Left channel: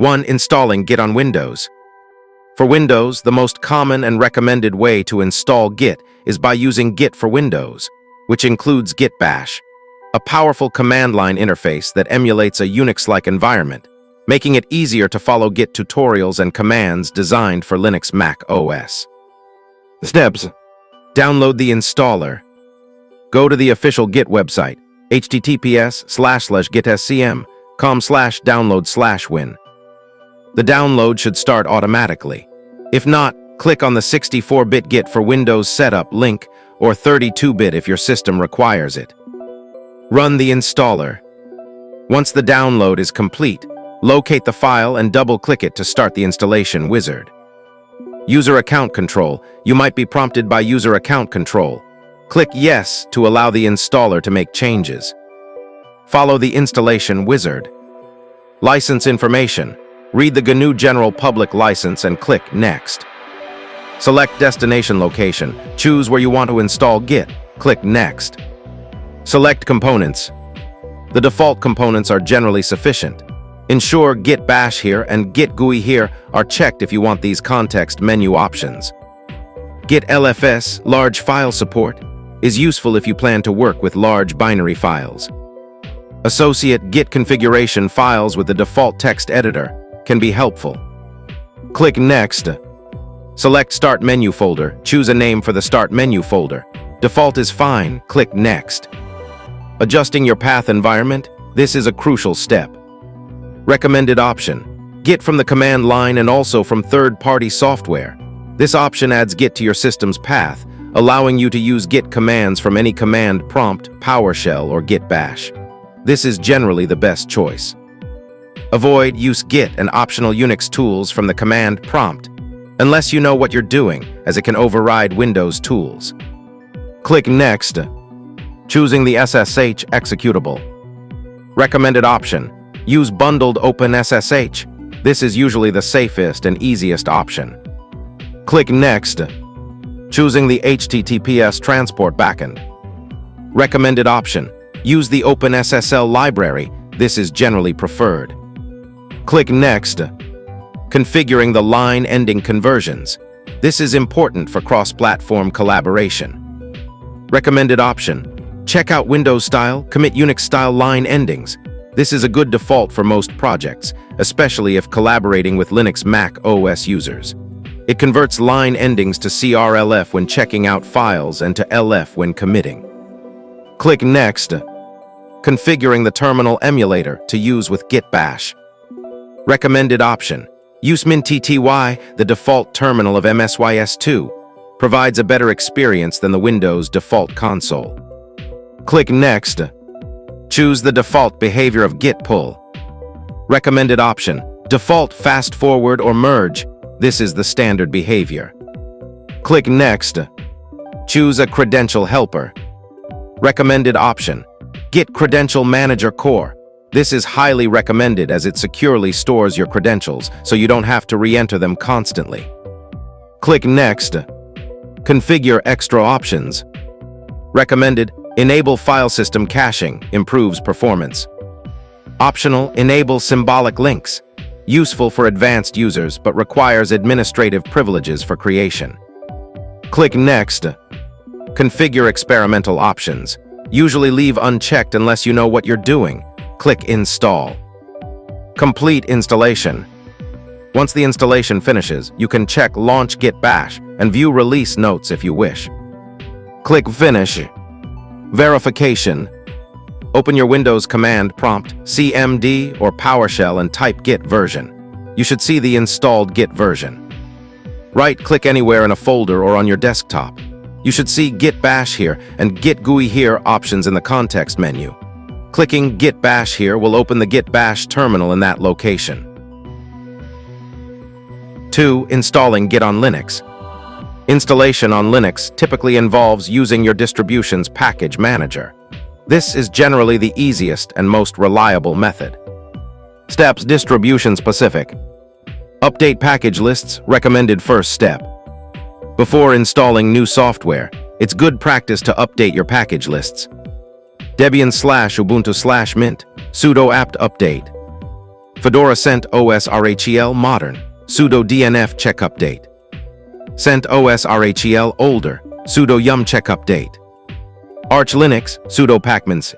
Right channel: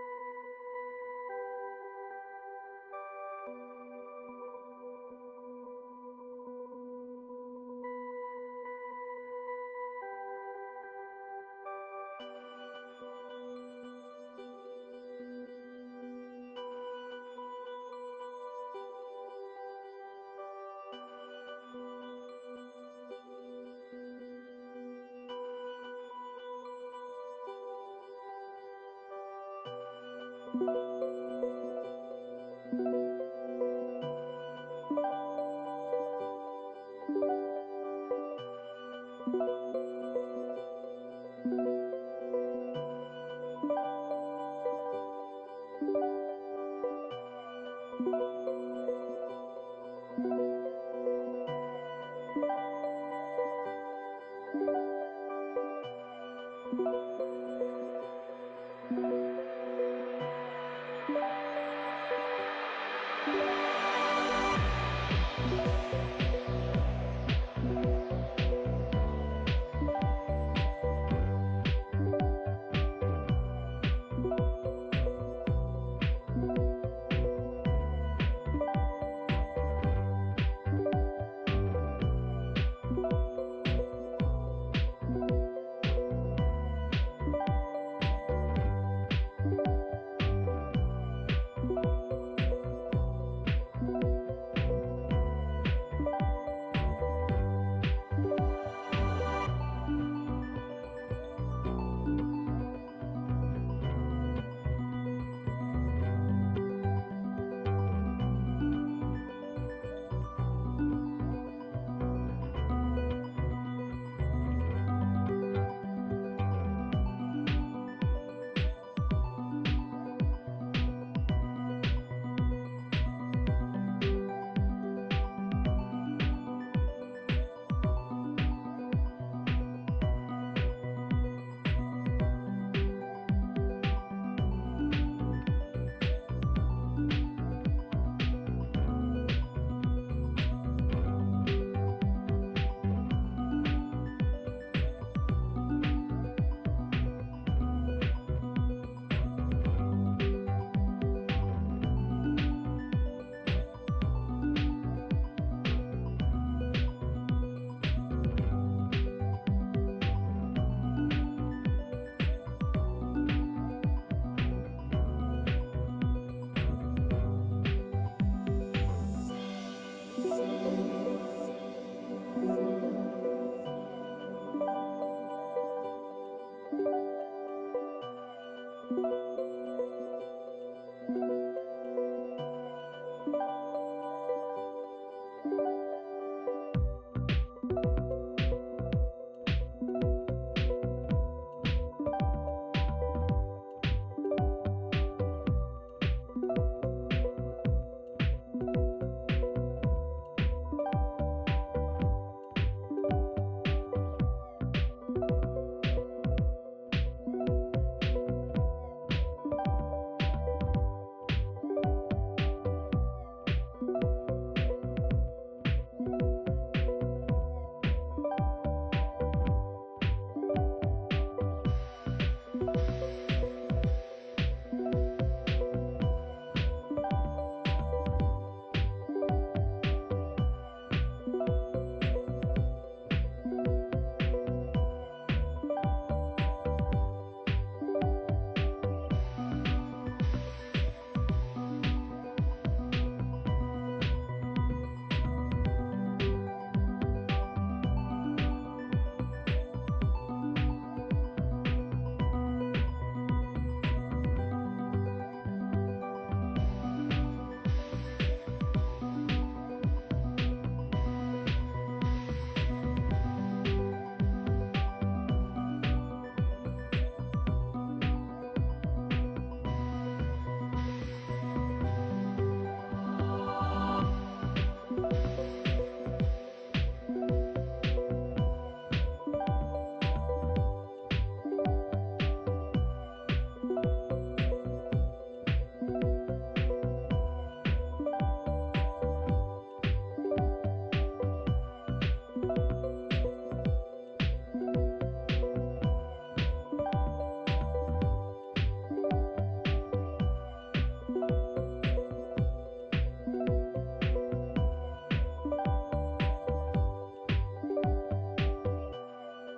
1. Installing Git on Windows. For Windows, the most common and recommended way to install Git is by using Git for Windows, which includes Git Bash, a powerful command line interface that emulates a Unix-like environment, making it easier to follow Git tutorials and commands designed for Linux macOS. Steps: download the installer. Go to the official Git website, https://gitscm.com/download/win. The download should start automatically. If not, click on the 64-bit Git for Windows setup link or 32-bit if your system requires it. Run the installer. Once the download is complete, locate the file and double-click it to start the installation wizard. User account control. You might be prompted by user account control. Click Yes to allow the installer to make changes. Follow the installation wizard. License information. Read the GNU General Public License and click Next. Select destination location. Choose where you want to install Git. Click Next. Select components. The default components are generally sufficient. Ensure Git Bash Here and Git GUI Here are checked if you want these context menu options. Git LFS, large file support, is useful if you plan to work with large binary files. Associate Git configuration files with the default text editor can be helpful. Click Next. Select Start Menu folder. Choose a name for the Start Menu folder. Default is fine. Click Next. Adjusting your path environment. This is a crucial step. Recommended option: Git from the command line and also from third-party software. This option adds Git to your system's path, allowing you to use Git commands from any command prompt, PowerShell, or Git Bash. This is generally the best choice. Avoid use Git and optional Unix tools from the command prompt, unless you know what you're doing, as it can override Windows tools. Click Next, choosing the SSH executable. Recommended option: use bundled OpenSSH. This is usually the safest and easiest option. Click Next, choosing the HTTPS transport backend. Recommended option: use the OpenSSL library. This is generally preferred. Click Next, configuring the line ending conversions. This is important for cross-platform collaboration. Recommended option: check out Windows style, commit Unix style line endings. This is a good default for most projects, especially if collaborating with Linux Mac OS users. It converts line endings to CRLF when checking out files and to LF when committing. Click Next, configuring the terminal emulator to use with Git Bash. Recommended option: use MinTTY, the default terminal of MSYS2. Provides a better experience than the Windows default console. Click Next, choose the default behavior of Git pull. Recommended option: default fast forward or merge. This is the standard behavior. Click Next, choose a credential helper. Recommended option: Git Credential Manager Core. This is highly recommended as it securely stores your credentials, so you don't have to re-enter them constantly. Click Next, configure extra options. Recommended: enable file system caching, improves performance. Optional: enable symbolic links. Useful for advanced users, but requires administrative privileges for creation. Click Next, configure experimental options. Usually leave unchecked unless you know what you're doing. Click Install. Complete installation. Once the installation finishes, you can check Launch Git Bash and view release notes if you wish. Click Finish. Verification. Open your Windows command prompt, CMD or PowerShell, and type Git version. You should see the installed Git version. Right-click anywhere in a folder or on your desktop. You should see Git Bash Here and Git GUI Here options in the context menu. Clicking Git Bash Here will open the Git Bash terminal in that location. 2. Installing Git on Linux. Installation on Linux typically involves using your distribution's package manager. This is generally the easiest and most reliable method. Steps: distribution specific. Update package lists, recommended first step. Before installing new software, it's good practice to update your package lists. Debian/Ubuntu/Mint, sudo apt update. Fedora CentOS RHEL Modern, sudo DNF check update. CentOS RHEL Older, sudo yum check update. Arch Linux, sudo pacmans.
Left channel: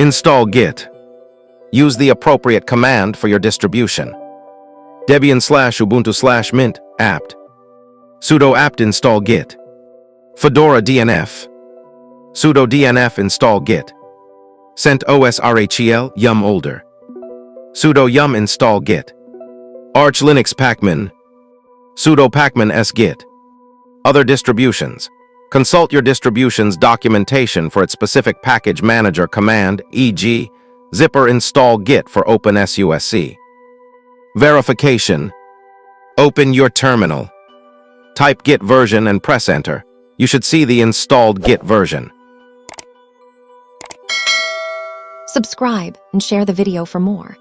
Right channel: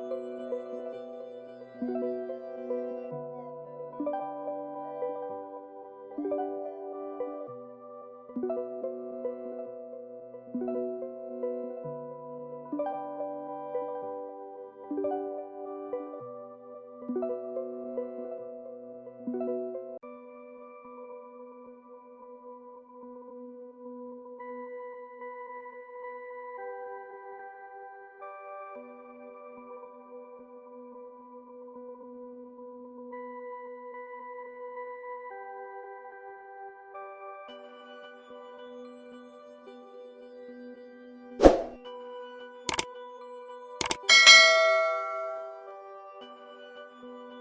Install Git. Use the appropriate command for your distribution. Debian/Ubuntu/Mint, apt. Sudo apt install Git. Fedora DNF. Sudo DNF install Git. CentOS RHEL yum older. Sudo yum install Git. Arch Linux pacman. Sudo pacman s Git. Other distributions. Consult your distribution's documentation for its specific package manager command, e.g., zipper install Git for OpenSUSE. Verification. Open your terminal. Type Git version and press enter. You should see the installed Git version. Subscribe and share the video for more.